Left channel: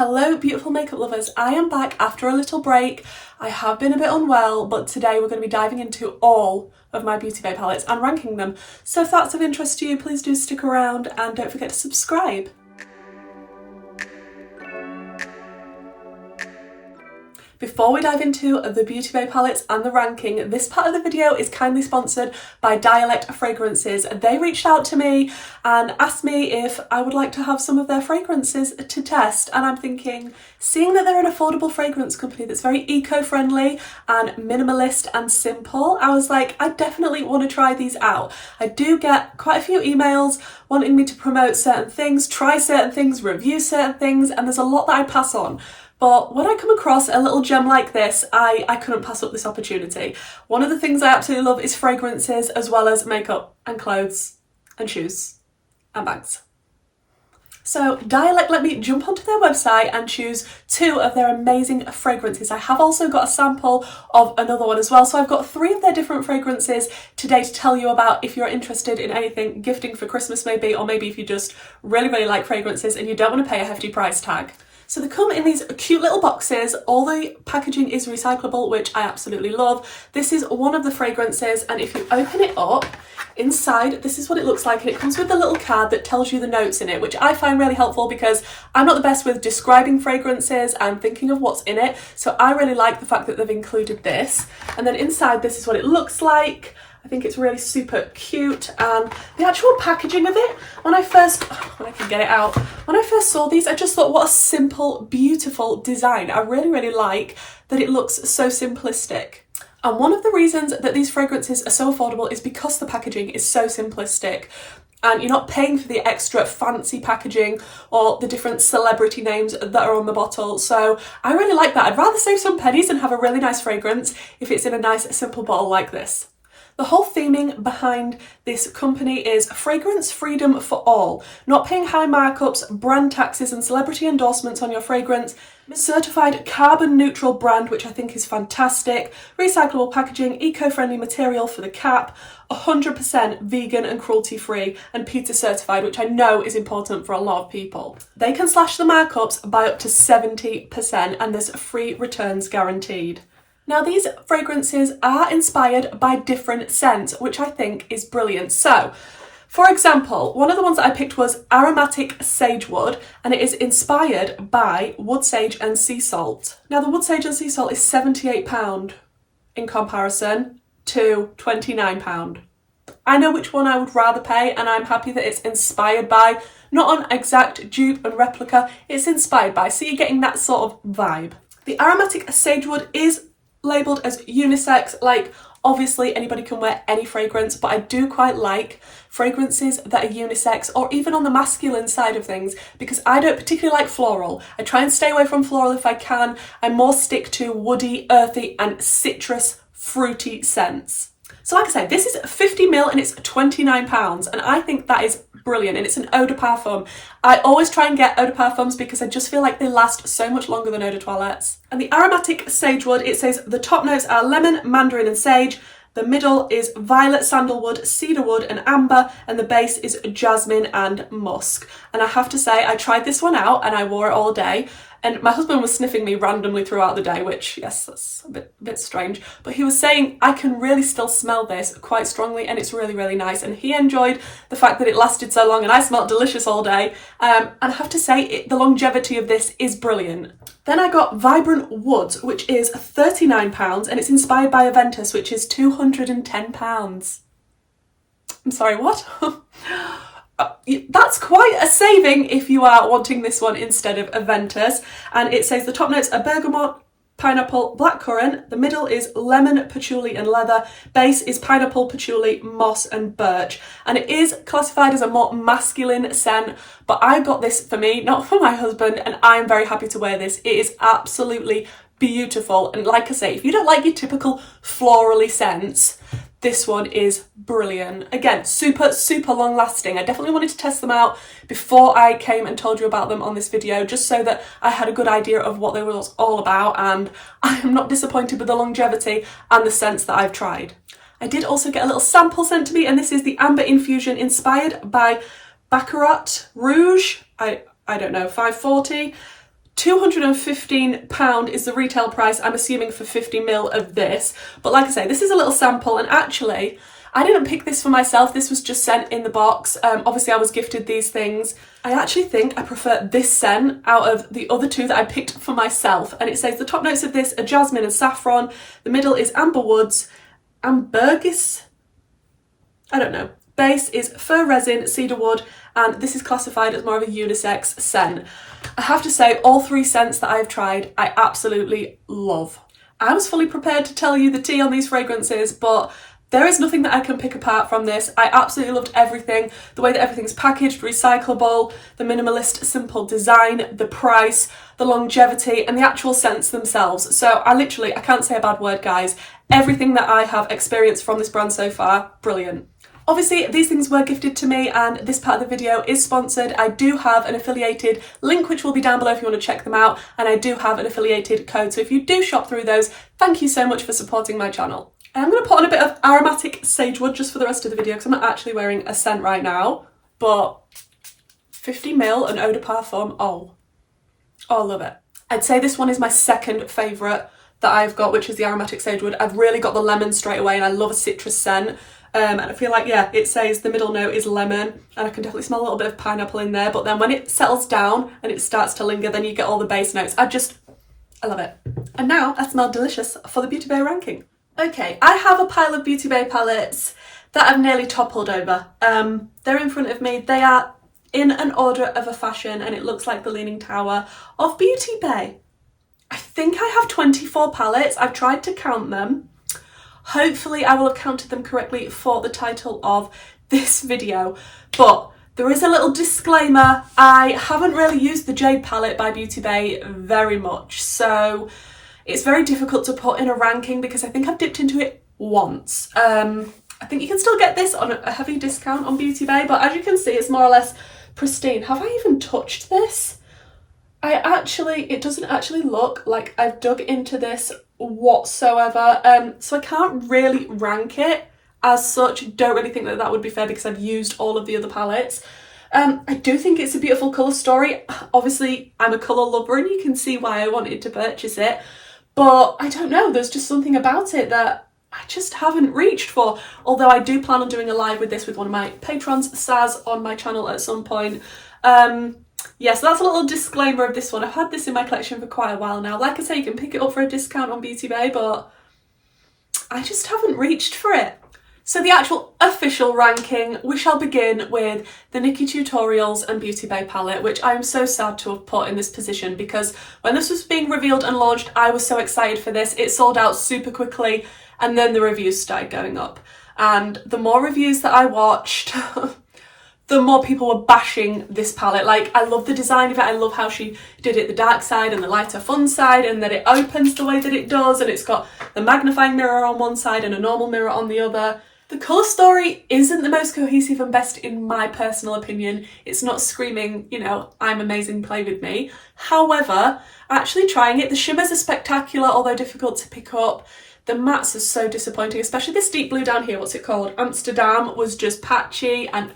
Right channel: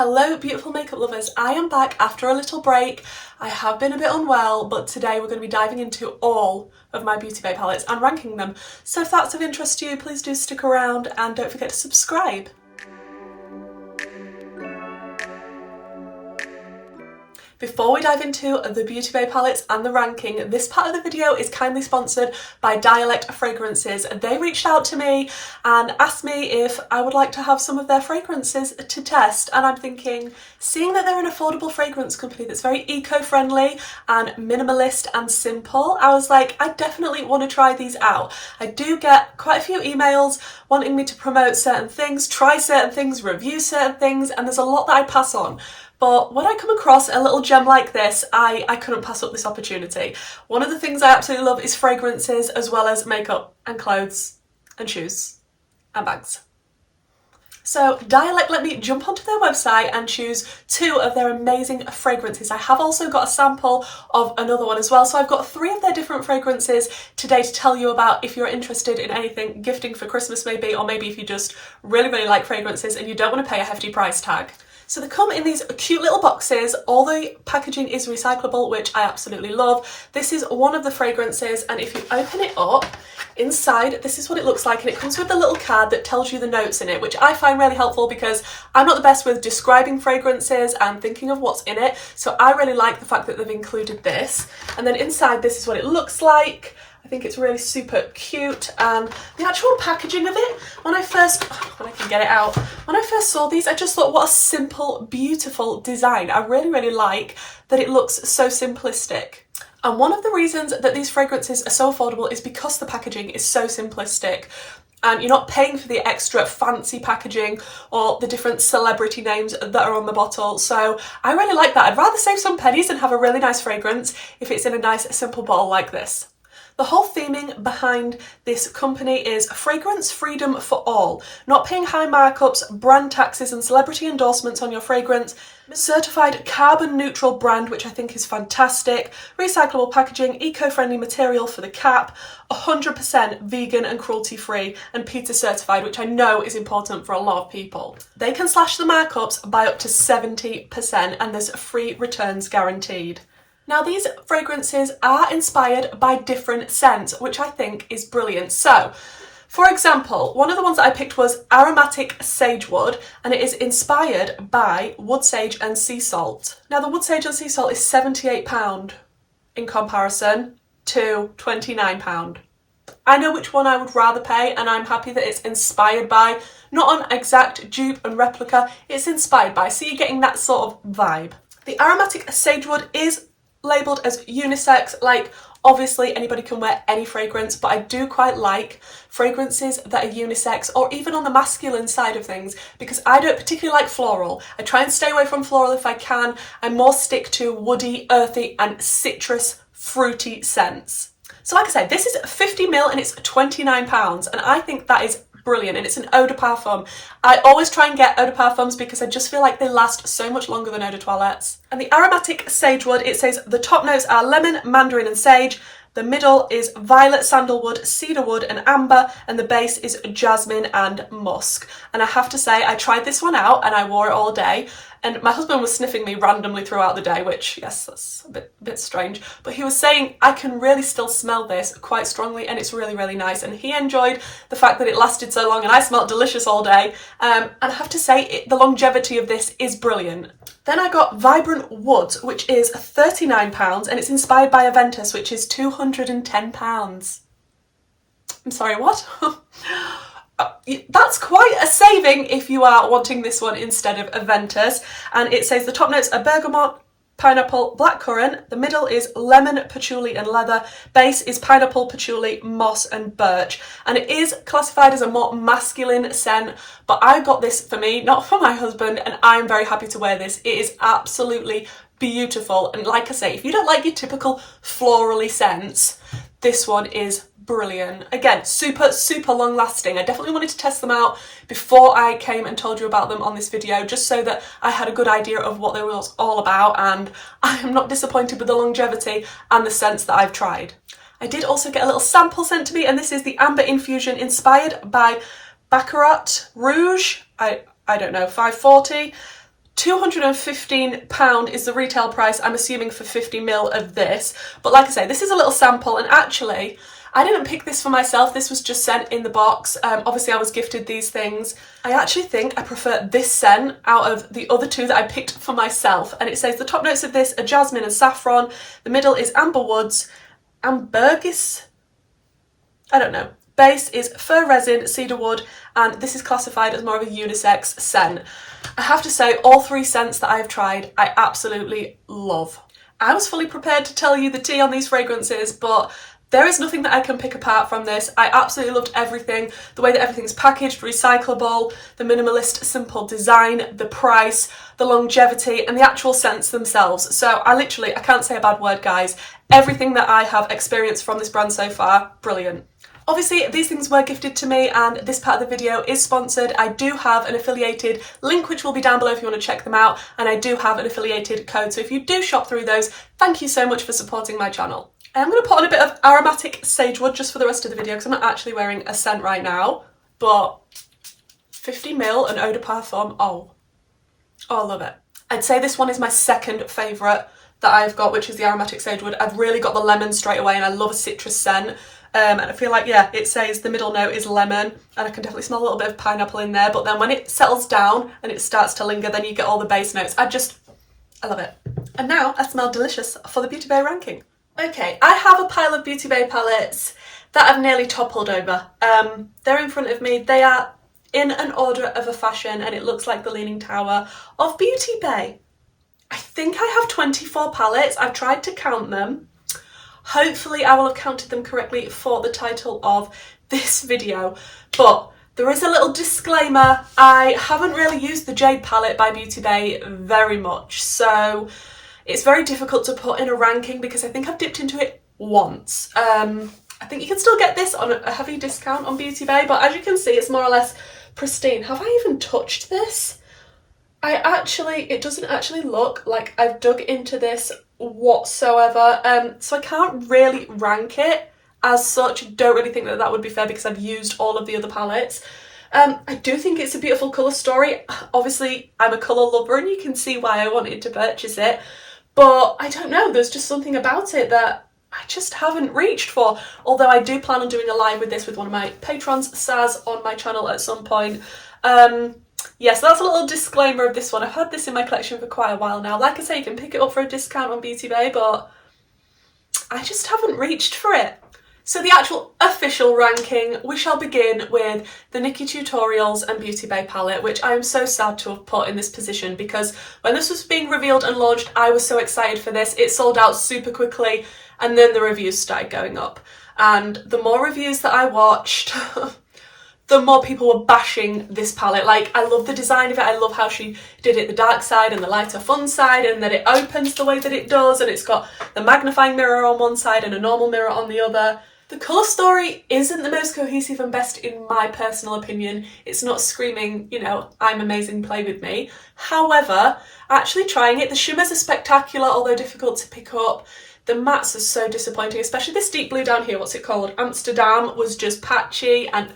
Hello beautiful makeup lovers, I am back after a little break. I have been a bit unwell, but today we're going to be diving into all of my Beauty Bay palettes and ranking them. So if that's of interest to you, please do stick around and don't forget to subscribe. Before we dive into the Beauty Bay palettes and the ranking, this part of the video is kindly sponsored by Dialect fragrances. They reached out to me and asked me if I would like to have some of their fragrances to test, and I'm thinking, seeing that they're an affordable fragrance company that's very eco-friendly and minimalist and simple, I was like, I definitely want to try these out. I do get quite a few emails wanting me to promote certain things, try certain things, review certain things, and there's a lot that I pass on. But when I come across a little gem like this, I couldn't pass up this opportunity. One of the things I absolutely love is fragrances, as well as makeup and clothes and shoes and bags. So Dialect let me jump onto their website and choose two of their amazing fragrances. I have also got a sample of another one as well. So I've got three of their different fragrances today to tell you about if you're interested in anything gifting for Christmas maybe, or maybe if you just really like fragrances and you don't want to pay a hefty price tag. So they come in these cute little boxes. All the packaging is recyclable, which I absolutely love. This is one of the fragrances, and if you open it up, inside, this is what it looks like, and it comes with a little card that tells you the notes in it, which I find really helpful because I'm not the best with describing fragrances and thinking of what's in it. So I really like the fact that they've included this. And then inside, this is what it looks like. I think it's really super cute, and the actual packaging of it, when I first saw these, I just thought, what a simple, beautiful design. I really like that it looks so simplistic. And one of the reasons that these fragrances are so affordable is because the packaging is so simplistic. And you're not paying for the extra fancy packaging or the different celebrity names that are on the bottle. So I really like that. I'd rather save some pennies and have a really nice fragrance if it's in a nice, simple bottle like this. The whole theming behind this company is fragrance freedom for all. Not paying high markups, brand taxes and celebrity endorsements on your fragrance. Certified carbon neutral brand, which I think is fantastic. Recyclable packaging, eco-friendly material for the cap. 100% vegan and cruelty free, and PETA certified, which I know is important for a lot of people. They can slash the markups by up to 70%, and there's free returns guaranteed. Now these fragrances are inspired by different scents, which I think is brilliant. So, for example, one of the ones that I picked was Aromatic Sagewood, and it is inspired by wood sage and sea salt. Now the wood sage and sea salt is £78 in comparison to £29. I know which one I would rather pay, and I'm happy that it's inspired by, not an exact dupe and replica, it's inspired by, so you're getting that sort of vibe. The Aromatic Sagewood is labelled as unisex, like obviously anybody can wear any fragrance, but I do quite like fragrances that are unisex, or even on the masculine side of things, because I don't particularly like floral. I try and stay away from floral if I can. I more stick to woody, earthy and citrus fruity scents. So like I said, this is 50ml and it's £29, and I think that is brilliant, and it's an eau de parfum. I always try and get eau de parfums because I just feel like they last so much longer than eau de toilettes. And the Aromatic Sagewood, it says the top notes are lemon, mandarin and sage. The middle is violet, sandalwood, cedarwood and amber, and the base is jasmine and musk. And I have to say, I tried this one out and I wore it all day, and my husband was sniffing me randomly throughout the day, which, yes, that's a bit strange, but he was saying I can really still smell this quite strongly, and it's really nice, and he enjoyed the fact that it lasted so long and I smelled delicious all day. And I have to say, the longevity of this is brilliant. Then I got Vibrant Woods, which is £39, and it's inspired by Aventus, which is £210. I'm sorry, what? That's quite a saving if you are wanting this one instead of Aventus. And it says the top notes are bergamot, pineapple, blackcurrant. The middle is lemon, patchouli and leather. Base is pineapple, patchouli, moss and birch. And it is classified as a more masculine scent, but I got this for me, not for my husband, and I'm very happy to wear this. It is absolutely beautiful. And like I say, if you don't like your typical florally scents, this one is brilliant. Again, super long lasting. I definitely wanted to test them out before I came and told you about them on this video, just so that I had a good idea of what they were all about, and I am not disappointed with the longevity and the scents that I've tried. I did also get a little sample sent to me, and this is the Amber Infusion inspired by Baccarat Rouge. I don't know, 540. £215 is the retail price, I'm assuming, for 50ml of this. But like I say, this is a little sample, and actually, I didn't pick this for myself, this was just sent in the box. Obviously I was gifted these things. I actually think I prefer this scent out of the other two that I picked for myself. And it says the top notes of this are jasmine and saffron, the middle is amber woods, ambergris, I don't know. Base is fir resin, cedar wood, and this is classified as more of a unisex scent. I have to say, all three scents that I've tried, I absolutely love. I was fully prepared to tell you the tea on these fragrances, but there is nothing that I can pick apart from this. I absolutely loved everything. The way that everything's packaged, recyclable, the minimalist, simple design, the price, the longevity, and the actual scents themselves. So I can't say a bad word, guys. Everything that I have experienced from this brand so far, brilliant. Obviously, these things were gifted to me, and this part of the video is sponsored. I do have an affiliated link, which will be down below if you want to check them out, and I do have an affiliated code. So if you do shop through those, thank you so much for supporting my channel. I am going to put on a bit of Aromatic sagewood just for the rest of the video because I'm not actually wearing a scent right now, but 50ml and eau de parfum, oh, I love it. I'd say this one is my second favourite that I've got, which is the Aromatic sagewood. I've really got the lemon straight away, and I love a citrus scent. And I feel like, yeah, it says the middle note is lemon, and I can definitely smell a little bit of pineapple in there, but then when it settles down and it starts to linger, then you get all the base notes. I love it. And now I smell delicious for the Beauty Bay ranking. Okay, I have a pile of Beauty Bay palettes that I've nearly toppled over. They're in front of me. They are in an order of a fashion, and it looks like the Leaning Tower of Beauty Bay. I think I have 24 palettes. I've tried to count them. Hopefully I will have counted them correctly for the title of this video, but there is a little disclaimer. I haven't really used the Jade palette by Beauty Bay very much, so it's very difficult to put in a ranking because I think I've dipped into it once. I think you can still get this on a heavy discount on Beauty Bay, but as you can see, it's more or less pristine. Have I even touched this? It doesn't actually look like I've dug into this whatsoever, so I can't really rank it as such. Don't really think that that would be fair because I've used all of the other palettes. I do think it's a beautiful colour story. Obviously, I'm a colour lover and you can see why I wanted to purchase it, but I don't know, there's just something about it that I just haven't reached for, although I do plan on doing a live with this with one of my patrons, Saz, on my channel at some point. Yeah, so that's a little disclaimer of this one. I've had this in my collection for quite a while now. Like I say, you can pick it up for a discount on Beauty Bay, but I just haven't reached for it. So the actual official ranking, we shall begin with the Nikkie Tutorials and Beauty Bay palette, which I am so sad to have put in this position because when this was being revealed and launched, I was so excited for this. It sold out super quickly, and then the reviews started going up. And the more reviews that I watched, the more people were bashing this palette. Like, I love the design of it. I love how she did it the dark side and the lighter fun side, and that it opens the way that it does, and it's got the magnifying mirror on one side and a normal mirror on the other. The colour story isn't the most cohesive and best in my personal opinion. It's not screaming, you know, I'm amazing, play with me. However, actually trying it, the shimmers are spectacular, although difficult to pick up. The mattes are so disappointing, especially this deep blue down here, what's it called? Amsterdam was just patchy, and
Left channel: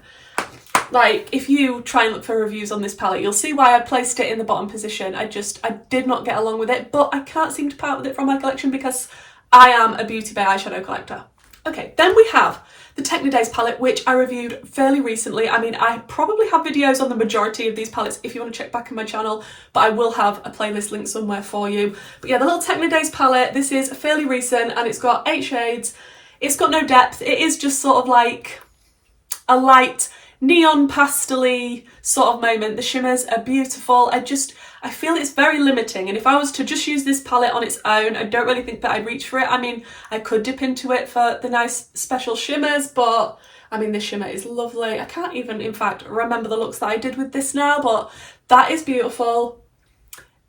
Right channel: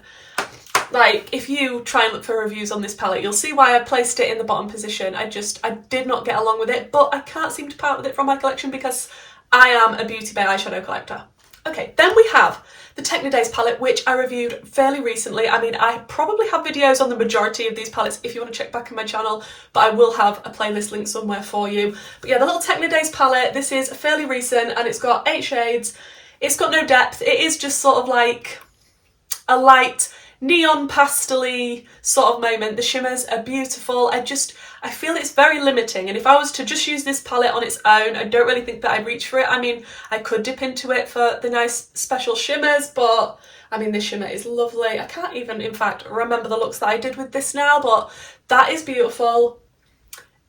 like, if you try and look for reviews on this palette, you'll see why I placed it in the bottom position. I did not get along with it, but I can't seem to part with it from my collection because I am a Beauty Bay eyeshadow collector. Okay, then we have the Technodays palette, which I reviewed fairly recently. I mean, I probably have videos on the majority of these palettes if you want to check back in my channel, but I will have a playlist link somewhere for you. But yeah, the little Technodays palette, this is fairly recent and it's got 8 shades. It's got no depth. It is just sort of like a light neon pastel-y sort of moment. The shimmers are beautiful. I feel it's very limiting, and if I was to just use this palette on its own, I don't really think that I'd reach for it. I mean, I could dip into it for the nice special shimmers, but I mean, this shimmer is lovely. I can't even, in fact, remember the looks that I did with this now, but that is beautiful.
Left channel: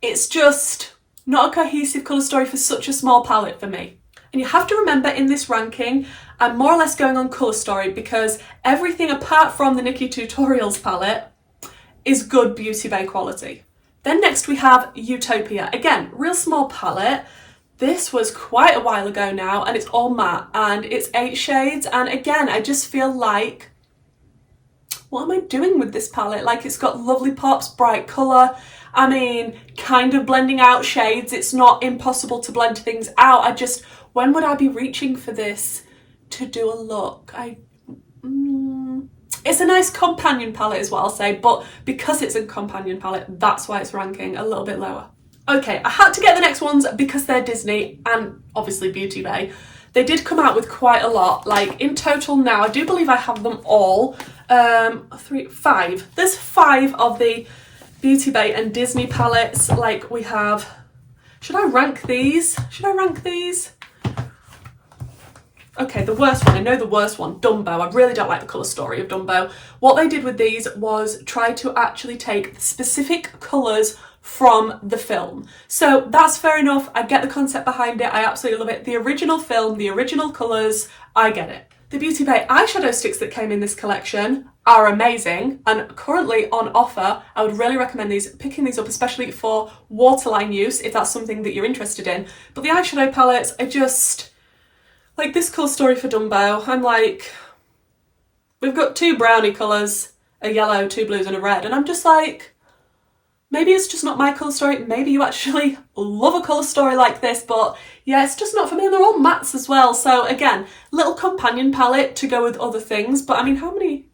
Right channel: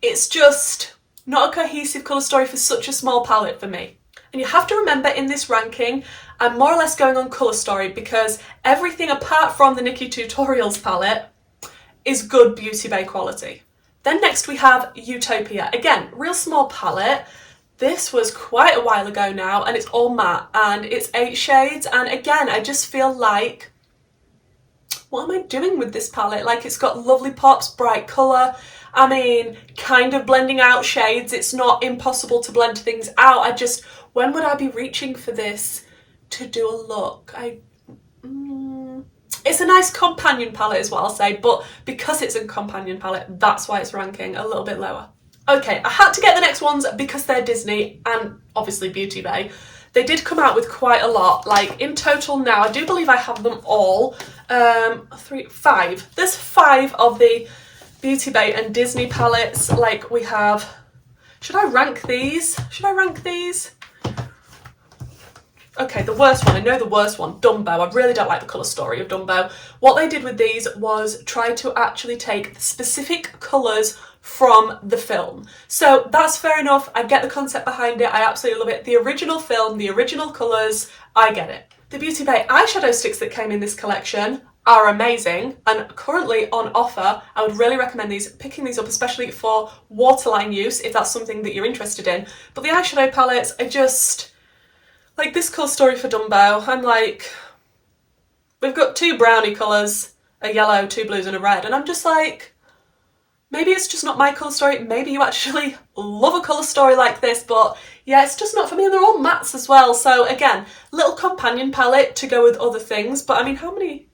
It's just not a cohesive colour story for such a small palette for me. And you have to remember, in this ranking, I'm more or less going on colour story because everything apart from the Nikkie Tutorials palette is good Beauty Bay quality. Then next we have Utopia. Again, real small palette. This was quite a while ago now, and it's all matte and it's 8 shades. And again, I just feel like, what am I doing with this palette? Like, it's got lovely pops, bright colour. I mean, kind of blending out shades. It's not impossible to blend things out. When would I be reaching for this to do a look? It's a nice companion palette is what I'll say, but because it's a companion palette, that's why it's ranking a little bit lower. Okay, I had to get the next ones because they're Disney and obviously Beauty Bay. They did come out with quite a lot, like in total now, I do believe I have them all. 5. There's 5 of the Beauty Bay and Disney palettes. Like we have, should I rank these? Okay, the worst one, I know the worst one, Dumbo. I really don't like the colour story of Dumbo. What they did with these was try to actually take the specific colours from the film. So that's fair enough, I get the concept behind it, I absolutely love it. The original film, the original colours, I get it. The Beauty Bay eyeshadow sticks that came in this collection are amazing and currently on offer. I would really recommend picking these up, especially for waterline use, if that's something that you're interested in. But the eyeshadow palettes are just... like this colour story for Dumbo, I'm like, we've got 2 brownie colours, a yellow, 2 blues and a red, and I'm just like, maybe it's just not my colour story, maybe you actually love a colour story like this, but yeah, it's just not for me, and they're all mattes as well, so again, little companion palette to go with other things, but I mean, how many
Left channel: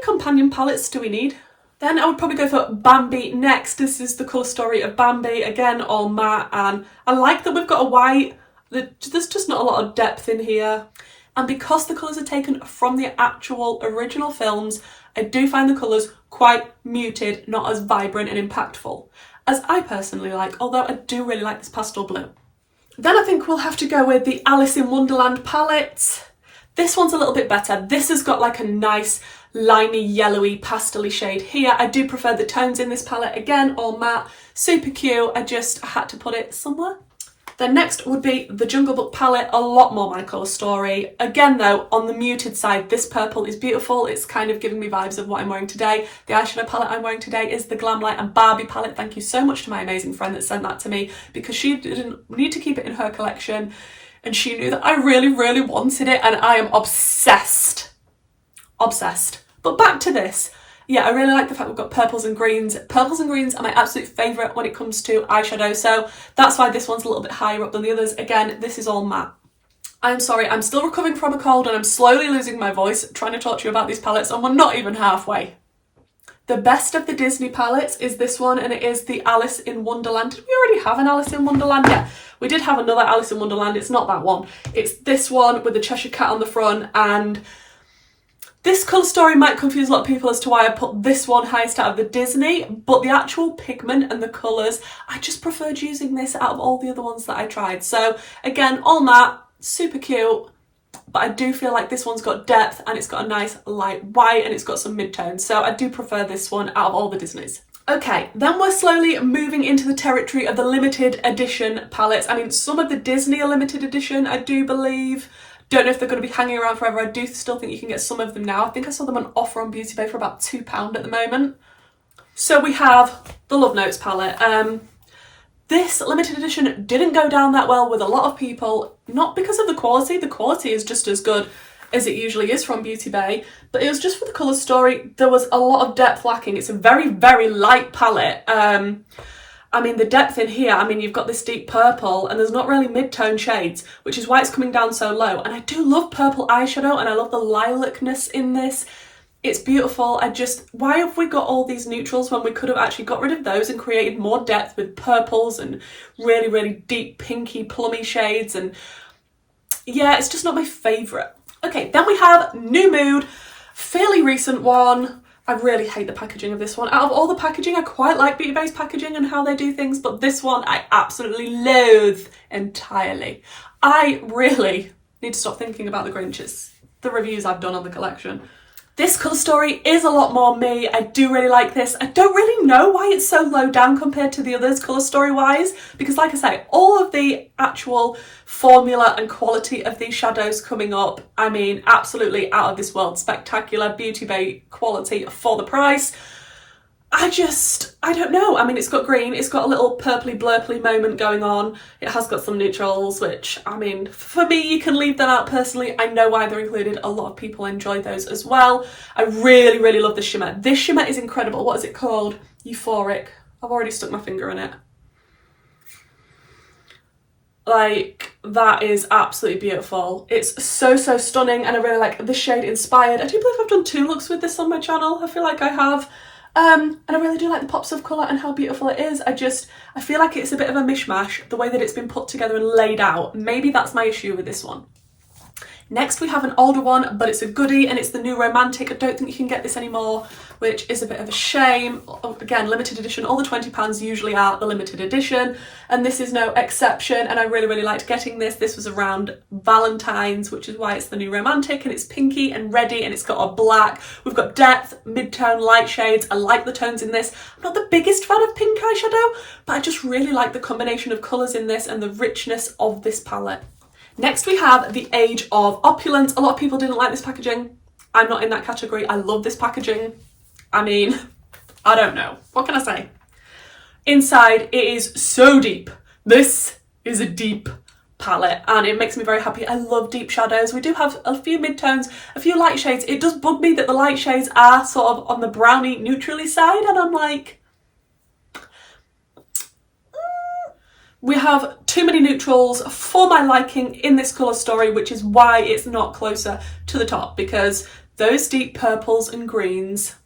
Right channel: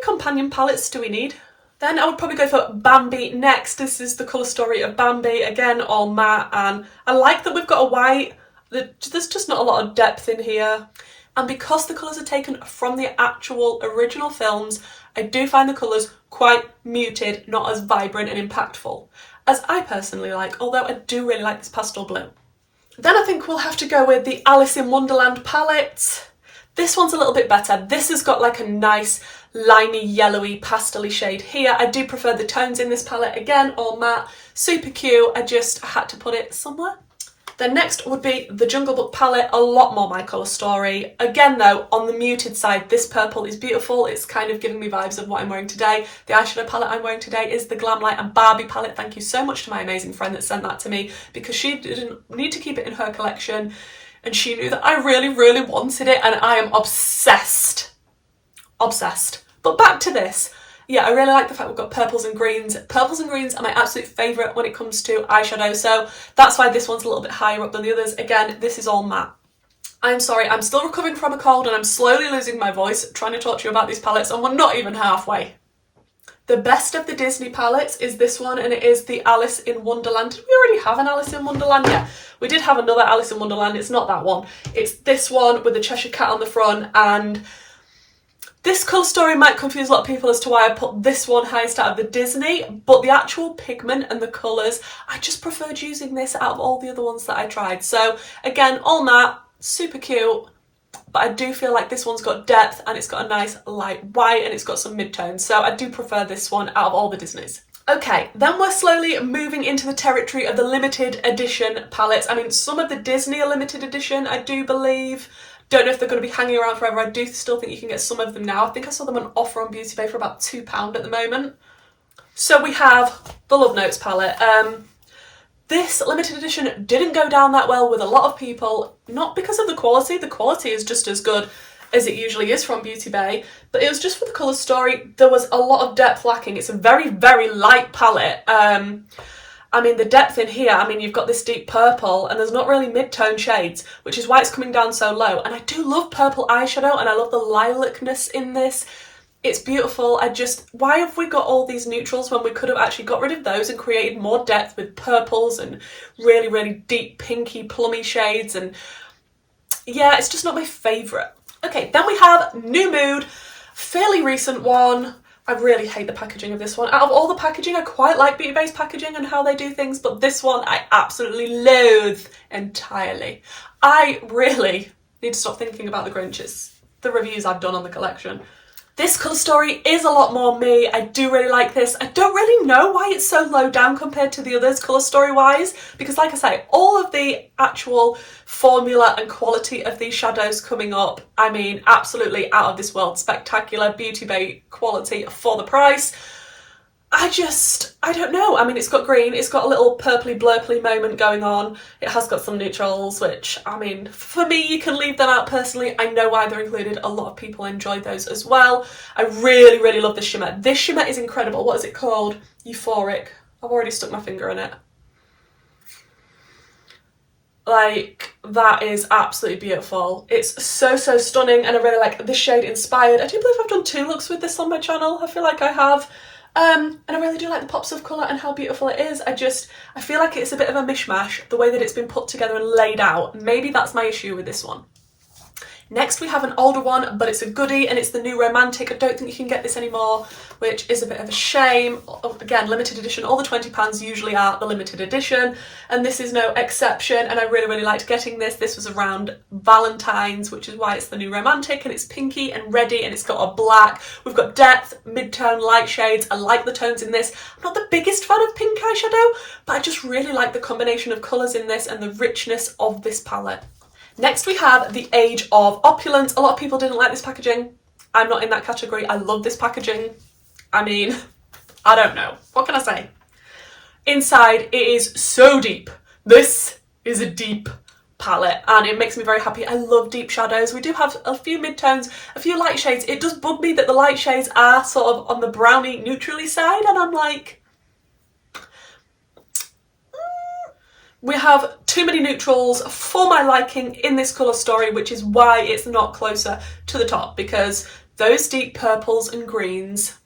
companion palettes do we need? Then I would probably go for Bambi next. This is the colour story of Bambi, again, all matte, and I like that we've got a white. There's just not a lot of depth in here. And because the colours are taken from the actual original films, I do find the colours quite muted, not as vibrant and impactful as I personally like, although I do really like this pastel blue. Then I think we'll have to go with the Alice in Wonderland palette. This one's a little bit better. This has got like a nice liney, yellowy, pastel-y shade here. I do prefer the tones in this palette, again, all matte, super cute. I had to put it somewhere. Then next would be the Jungle Book palette, a lot more my colour story. Again though, on the muted side, this purple is beautiful. It's kind of giving me vibes of what I'm wearing today. The eyeshadow palette I'm wearing today is the Glamlight and Barbie palette. Thank you so much to my amazing friend that sent that to me because she didn't need to keep it in her collection and she knew that I really, really wanted it and I am obsessed. Obsessed. But back to this. Yeah, I really like the fact we've got purples and greens. Purples and greens are my absolute favourite when it comes to eyeshadow, so that's why this one's a little bit higher up than the others. Again, this is all matte. I'm sorry, I'm still recovering from a cold and I'm slowly losing my voice trying to talk to you about these palettes and we're not even halfway. The best of the Disney palettes is this one and it is the Alice in Wonderland. Did we already have an Alice in Wonderland? Yeah, we did have another Alice in Wonderland. It's not that one. It's this one with the Cheshire Cat on the front, and this colour story might confuse a lot of people as to why I put this one highest out of the Disney, but the actual pigment and the colours, I just preferred using this out of all the other ones that I tried. So again, all matte, super cute, but I do feel like this one's got depth and it's got a nice light white and it's got some mid-tones. So I do prefer this one out of all the Disneys. Okay, then we're slowly moving into the territory of the limited edition palettes. I mean, some of the Disney are limited edition, I do believe. Don't know if they're going to be hanging around forever. I do still think you can get some of them now. I think I saw them on offer on Beauty Bay for about £2 at the moment. So we have the Love Notes palette. This limited edition didn't go down that well with a lot of people, not because of the quality. The quality is just as good as it usually is from Beauty Bay, but it was just for the colour story. There was a lot of depth lacking. It's a very, very light palette. I mean, the depth in here, I mean, you've got this deep purple and there's not really mid-tone shades, which is why it's coming down so low. And I do love purple eyeshadow and I love the lilacness in this. It's beautiful. Why have we got all these neutrals when we could have actually got rid of those and created more depth with purples and really, really deep pinky plummy shades? And yeah, it's just not my favourite. Okay, then we have New Mood, fairly recent one. I really hate the packaging of this one. Out of all the packaging, I quite like Beauty Bay's packaging and how they do things, but this one I absolutely loathe entirely. I really need to stop thinking about the Grinches, the reviews I've done on the collection. This colour story is a lot more me. I do really like this. I don't really know why it's so low down compared to the others colour story wise, because like I say, all of the actual formula and quality of these shadows coming up, I mean, absolutely out of this world. Spectacular Beauty Bay quality for the price. I don't know. I mean, it's got green, it's got a little purpley blurply moment going on. It has got some neutrals, which, I mean, for me, you can leave them out personally. I know why they're included. A lot of people enjoy those as well. I really, really love this shimmer. This shimmer is incredible. What is it called? Euphoric. I've already stuck my finger in it. Like, that is absolutely beautiful. It's so, so stunning, and I really like this shade Inspired. I do believe I've done 2 looks with this on my channel. I feel like I have. And I really do like the pops of colour and how beautiful it is. I feel like it's a bit of a mishmash, the way that it's been put together and laid out. Maybe that's my issue with this one. Next we have an older one, but it's a goodie, and it's the new Romantic. I don't think you can get this anymore, which is a bit of a shame. Again, limited edition. All the £20 usually are the limited edition, and this is no exception, and I really, really liked getting this. This was around Valentine's, which is why it's the new Romantic, and it's pinky and reddy, and it's got a black. We've got depth, mid-tone, light shades. I like the tones in this. I'm not the biggest fan of pink eyeshadow, but I just really like the combination of colours in this and the richness of this palette. Next we have the Age of Opulence. A lot of people didn't like this packaging. I'm not in that category. I love this packaging. I mean, I don't know. What can I say? Inside, it is so deep. This is a deep palette, and it makes me very happy. I love deep shadows. We do have a few midtones, a few light shades. It does bug me that the light shades are sort of on the browny, neutrally side, and I'm like, we have too many neutrals for my liking in this colour story, which is why it's not closer to the top, because those deep purples and greens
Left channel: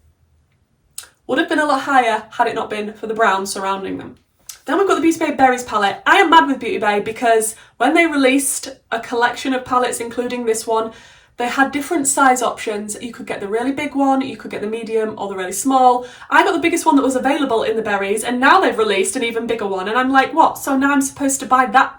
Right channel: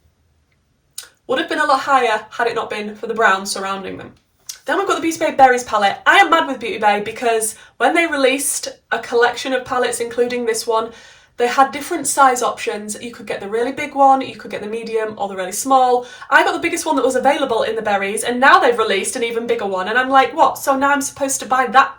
would have been a lot higher had it not been for the brown surrounding them. Then we've got the Beauty Bay Berries palette. I am mad with Beauty Bay because when they released a collection of palettes, including this one, they had different size options. You could get the really big one, you could get the medium or the really small. I got the biggest one that was available in the berries, and now they've released an even bigger one, and I'm like, what? So now I'm supposed to buy that?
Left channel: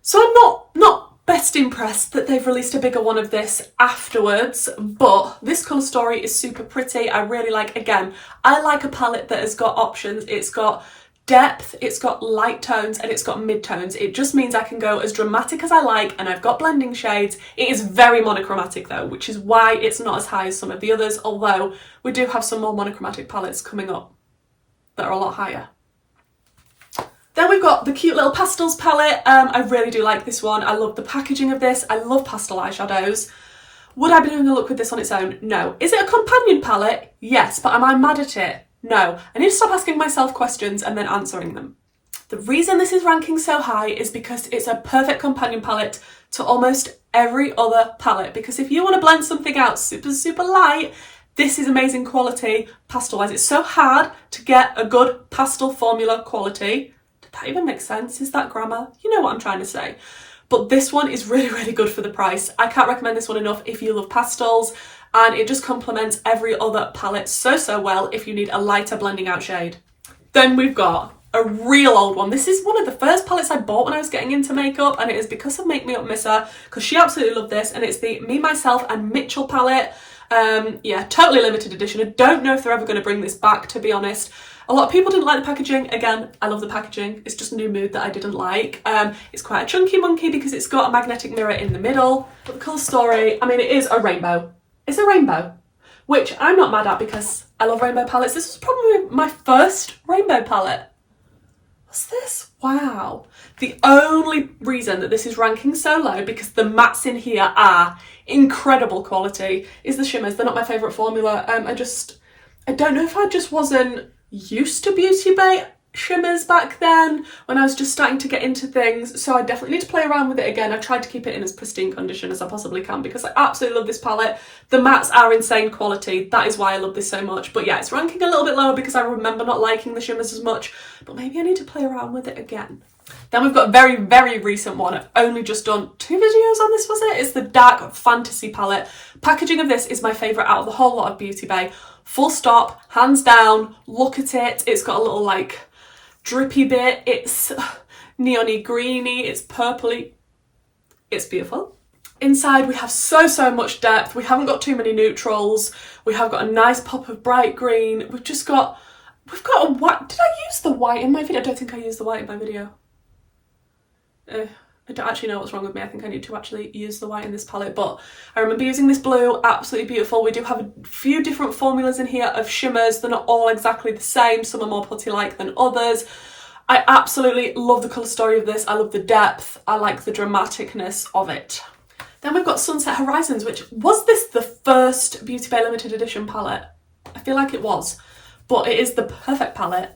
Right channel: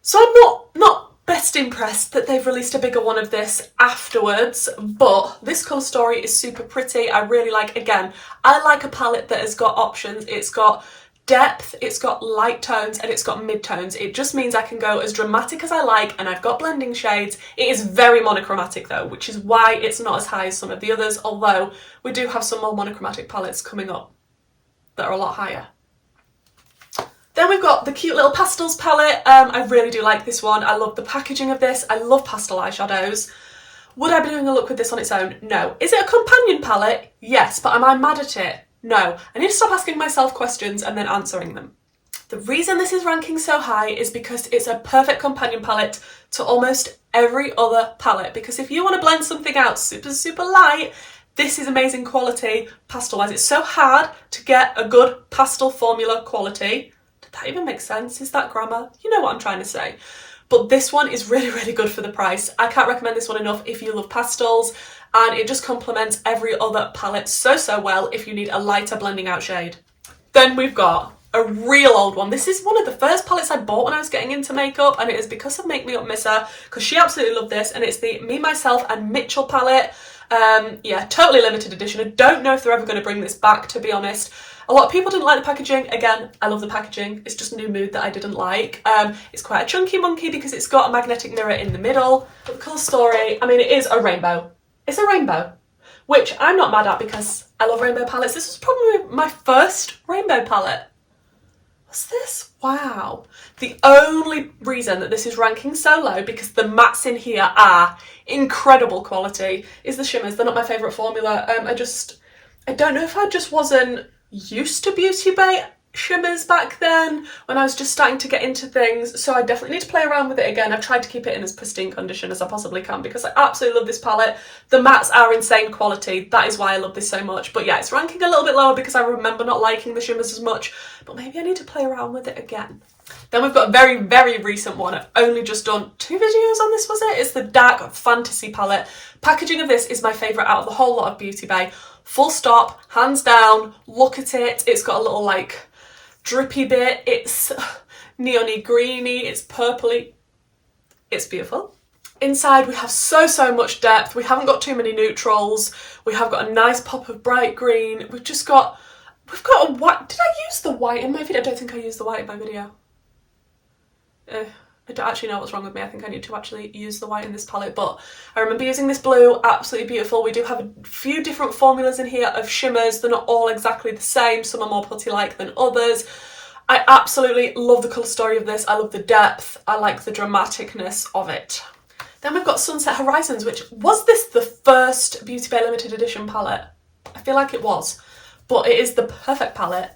So I'm not best impressed that they've released a bigger one of this afterwards, but this colour story is super pretty. I really like, again, I like a palette that has got options. It's got depth, it's got light tones, and it's got mid-tones. It just means I can go as dramatic as I like, and I've got blending shades. It is very monochromatic though, which is why it's not as high as some of the others, although we do have some more monochromatic palettes coming up that are a lot higher. Then we've got the cute little pastels palette. I really do like this one. I love the packaging of this. I love pastel eyeshadows. Would I be doing a look with this on its own? No. Is it a companion palette? Yes, but am I mad at it? No. I need to stop asking myself questions and then answering them. The reason this is ranking so high is because it's a perfect companion palette to almost every other palette. Because if you want to blend something out super, super light, this is amazing quality pastel-wise. It's so hard to get a good pastel formula quality. Did that even make sense? Is that grammar? You know what I'm trying to say. But this one is really, really good for the price. I can't recommend this one enough if you love pastels, and it just complements every other palette so, so well if you need a lighter blending out shade. Then we've got a real old one. This is one of the first palettes I bought when I was getting into makeup, and it is because of Make Me Up Missa, because she absolutely loved this, and it's the Me, Myself and Mitchell palette. Yeah, totally limited edition. I don't know if they're ever going to bring this back, to be honest. A lot of people didn't like the packaging. Again, I love the packaging. It's just New Mood that I didn't like. It's quite a chunky monkey because it's got a magnetic mirror in the middle. But the colour story, I mean, it is a rainbow. It's a rainbow, which I'm not mad at because I love rainbow palettes. This was probably my first rainbow palette. What's this? Wow. The only reason that this is ranking so low, because the mattes in here are incredible quality, is the shimmers. They're not my favourite formula. I don't know if I just wasn't used to Beauty Bay shimmers back then when I was just starting to get into things, so I definitely need to play around with it again. I've tried to keep it in as pristine condition as I possibly can because I absolutely love this palette. The mattes are insane quality. That is why I love this so much. But yeah, it's ranking a little bit lower because I remember not liking the shimmers as much, but maybe I need to play around with it again. Then we've got a very, very recent one. I've only just done 2 videos on this, was it? It's the Dark Fantasy palette. Packaging of this is my favourite out of the whole lot of Beauty Bay. Full stop, hands down. Look at it. It's got a little like drippy bit. It's neony greeny. It's purpley. It's beautiful. Inside we have so much depth. We haven't got too many neutrals. We have got a nice pop of bright green. We've got a white. Did I use the white in my video? I don't think I used the white in my video. I don't actually know what's wrong with me. I think I need to actually use the white in this palette, but I remember using this blue. Absolutely beautiful. We do have a few different formulas in here of shimmers. They're not all exactly the same. Some are more putty-like than others. I absolutely love the colour story of this. I love the depth. I like the dramaticness of it. Then we've got Sunset Horizons, which was this the first Beauty Bay limited edition palette? I feel like it was. but it is the perfect palette,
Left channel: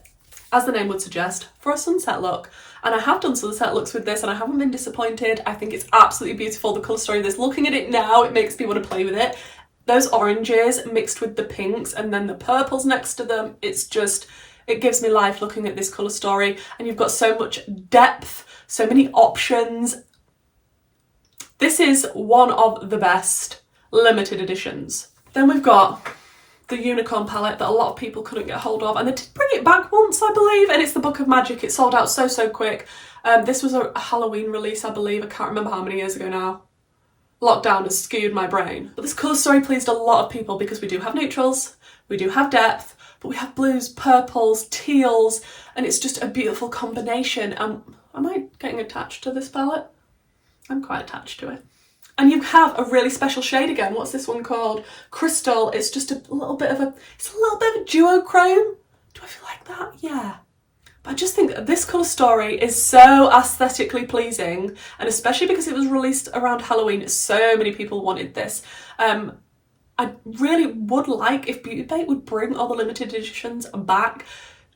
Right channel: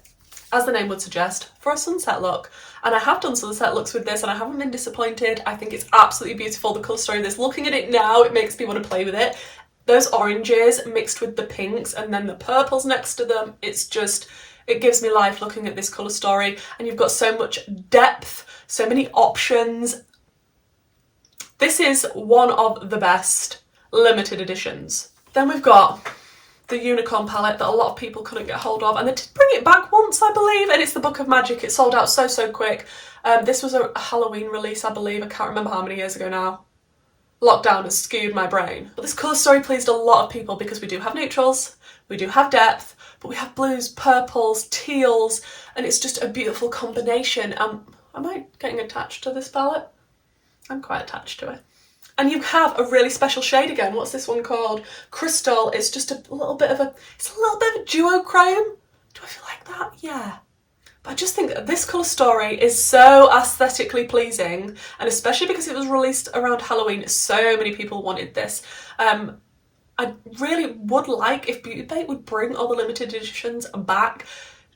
as the name would suggest, for a sunset look. And I have done sunset looks with this and I haven't been disappointed. I think it's absolutely beautiful, the colour story of this. Looking at it now, it makes me want to play with it. Those oranges mixed with the pinks and then the purples next to them, it's just, it gives me life looking at this colour story. And you've got so much depth, so many options. This is one of the best limited editions. Then we've got the unicorn palette that a lot of people couldn't get hold of, and they did bring it back once, I believe, and it's the Book of Magic. It sold out so quick. This was a Halloween release, I believe. I can't remember how many years ago now. Lockdown has skewed my brain. But this colour story pleased a lot of people because we do have neutrals, we do have depth, but we have blues, purples, teals, and it's just a beautiful combination. Am I getting attached to this palette? I'm quite attached to it. And you have a really special shade again. What's this one called? Crystal. It's just a little bit of a duochrome. Do I feel like that? Yeah. But I just think that this colour story is so aesthetically pleasing, and especially because it was released around Halloween, so many people wanted this. I really would like if Beauty Bay would bring all the limited editions back,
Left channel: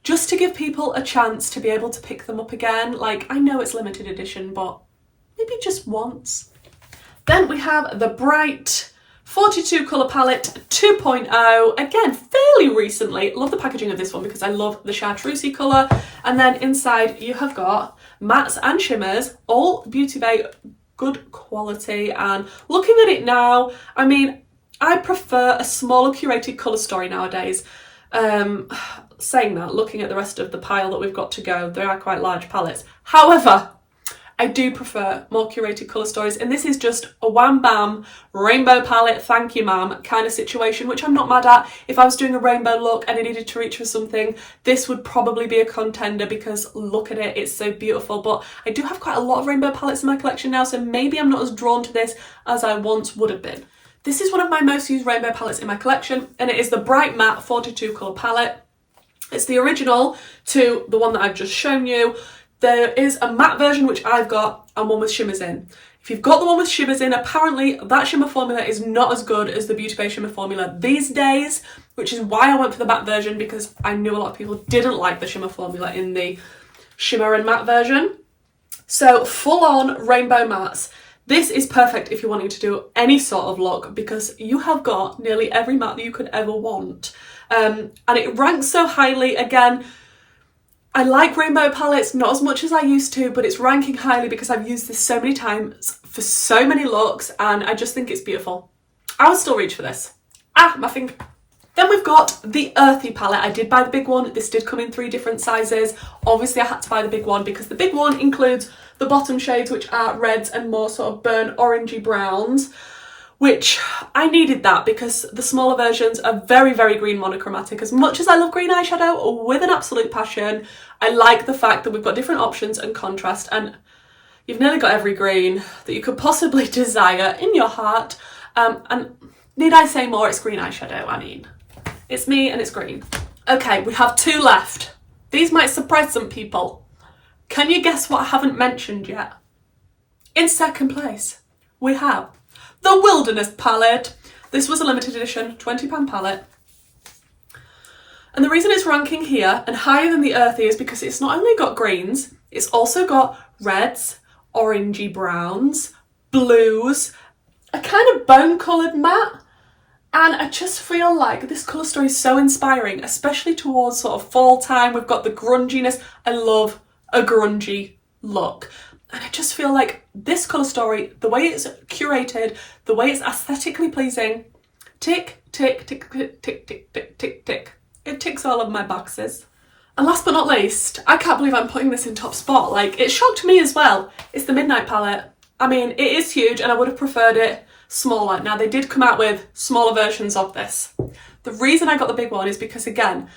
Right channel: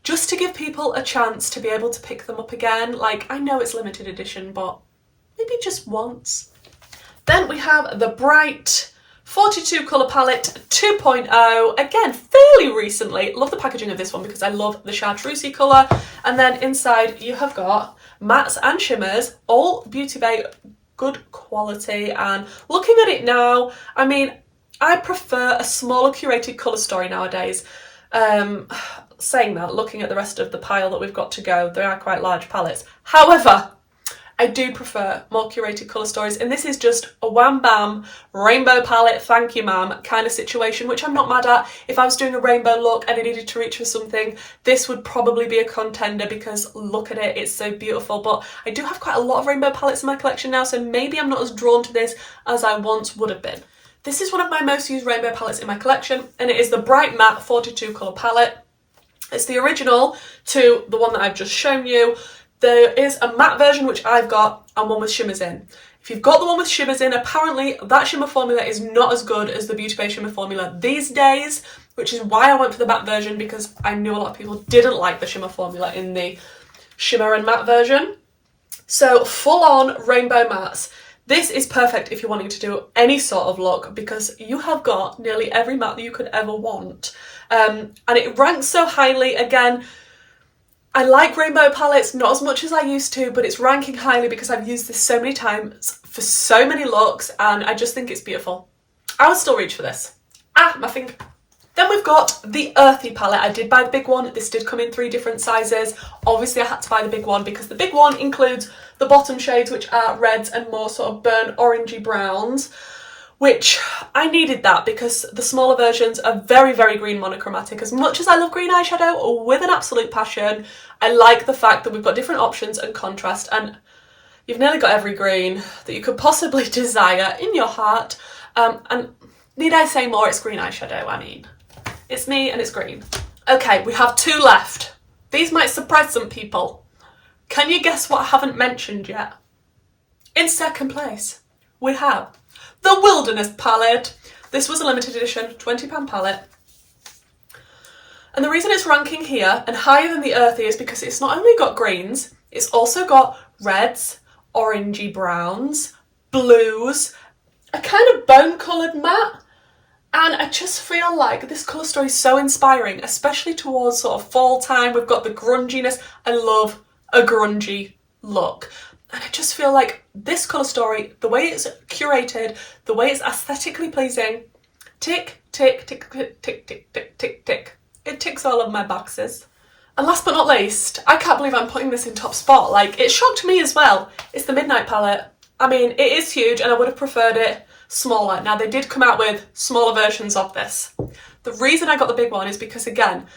just to give people a chance to be able to pick them up again. Like, I know it's limited edition, but maybe just once. Then we have the Bright 42 colour palette 2.0, again fairly recently. Love the packaging of this one because I love the chartreusey colour. And then inside you have got mattes and shimmers, all Beauty Bay good quality. And looking at it now, I mean, I prefer a smaller curated colour story nowadays. Saying that, looking at the rest of the pile that we've got to go, they are quite large palettes. However, I do prefer more curated colour stories, and this is just a wham bam rainbow palette, thank you ma'am kind of situation, which I'm not mad at. If I was doing a rainbow look and I needed to reach for something, this would probably be a contender because look at it, it's so beautiful. But I do have quite a lot of rainbow palettes in my collection now, so maybe I'm not as drawn to this as I once would have been. This is one of my most used rainbow palettes in my collection, and it is the Bright Matte 42 colour palette. It's the original to the one that I've just shown you. There is a matte version which I've got and one with shimmers in. If you've got the one with shimmers in, apparently that shimmer formula is not as good as the Beauty Bay shimmer formula these days, which is why I went for the matte version, because I knew a lot of people didn't like the shimmer formula in the shimmer and matte version. So full on rainbow mattes. This is perfect if you're wanting to do any sort of look because you have got nearly every matte that you could ever want. And it ranks so highly. Again, I like rainbow palettes, not as much as I used to, but it's ranking highly because I've used this so many times for so many looks, and I just think it's beautiful. I would still reach for this. My finger. Then we've got the Earthy palette. I did buy the big one. This did come in 3 different sizes. Obviously I had to buy the big one because the big one includes the bottom shades, which are reds and more sort of burnt orangey browns, which I needed that because the smaller versions are very, very green monochromatic. As much as I love green eyeshadow with an absolute passion, I like the fact that we've got different options and contrast, and you've nearly got every green that you could possibly desire in your heart. And need I say more? It's green eyeshadow. I mean, it's me and it's green. Okay, we have 2 left. These might surprise some people. Can you guess what I haven't mentioned yet? In second place, we have the Wilderness palette. This was a limited edition, £20 palette. And the reason it's ranking here and higher than the Earthy is because it's not only got greens, it's also got reds, orangey browns, blues, a kind of bone coloured matte. And I just feel like this colour story is so inspiring, especially towards sort of fall time. We've got the grunginess. I love a grungy look. And I just feel like this colour story, the way it's curated, the way it's aesthetically pleasing, tick, tick, tick, tick, tick, tick, tick, tick, tick. It ticks all of my boxes. And last but not least, I can't believe I'm putting this in top spot. Like, it shocked me as well. It's the Midnight palette. I mean, it is huge and I would have preferred it smaller. Now, they did come out with smaller versions of this. The reason I got the big one is because, again,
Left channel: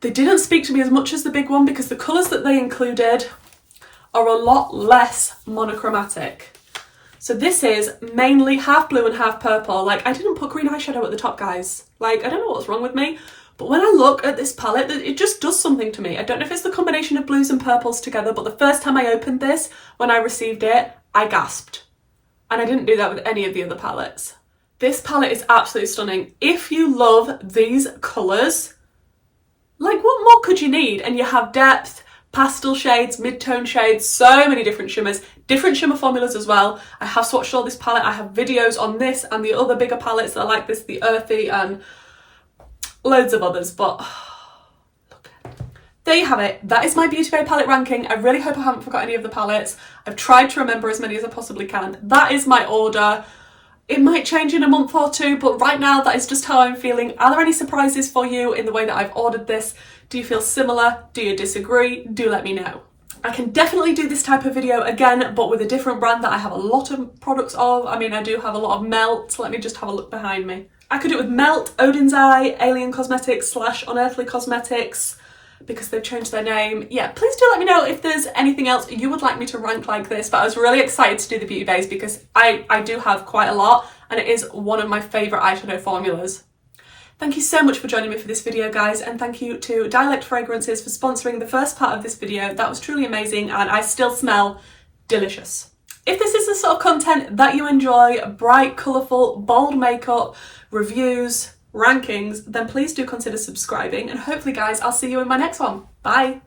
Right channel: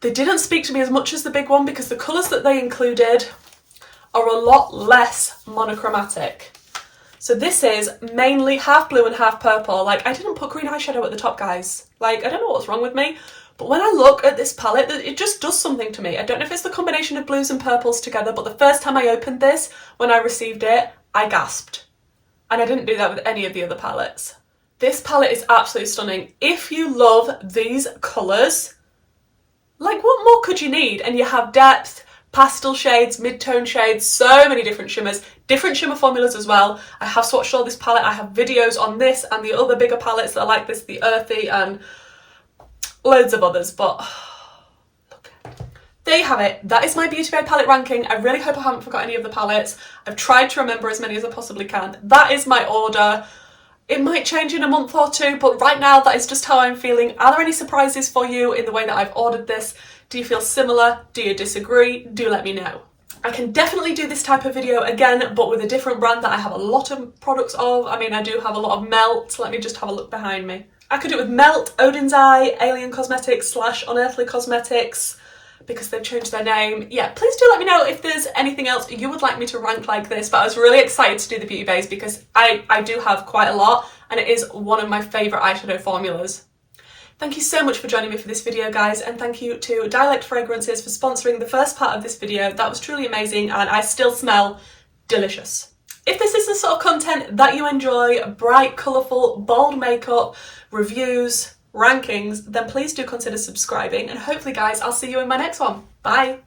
they didn't speak to me as much as the big one because the colours that they included are a lot less monochromatic. So this is mainly half blue and half purple. Like, I didn't put green eyeshadow at the top, guys. Like, I don't know what's wrong with me, but when I look at this palette, it just does something to me. I don't know if it's the combination of blues and purples together, but the first time I opened this, when I received it, I gasped. And I didn't do that with any of the other palettes. This palette is absolutely stunning. If you love these colours, Like, what more could you need? And you have depth, pastel shades, mid-tone shades, so many different shimmers, different shimmer formulas as well. I have swatched all this palette. I have videos on this and the other bigger palettes that are like this, the Earthy and loads of others, but there you have it. That is my Beauty Bay palette ranking. I really hope I haven't forgot any of the palettes. I've tried to remember as many as I possibly can. That is my order. It might change in a month or two, but right now that is just how I'm feeling. Are there any surprises for you in the way that I've ordered this? Do you feel similar? Do you disagree? Do let me know. I can definitely do this type of video again, but with a different brand that I have a lot of products of. I mean, I do have a lot of Melt. Let me just have a look behind me. I could do it with Melt, Odin's Eye, Alien Cosmetics / Unearthly Cosmetics, because they've changed their name. Yeah, please do let me know if there's anything else you would like me to rank like this, but I was really excited to do the Beauty Bays because I do have quite a lot, and it is one of my favourite eyeshadow formulas. Thank you so much for joining me for this video, guys, and thank you to Dialect Fragrances for sponsoring the first part of this video. That was truly amazing, and I still smell delicious. If this is the sort of content that you enjoy, bright, colourful, bold makeup, reviews, rankings, then please do consider subscribing, and hopefully, guys, I'll see you in my next one. Bye!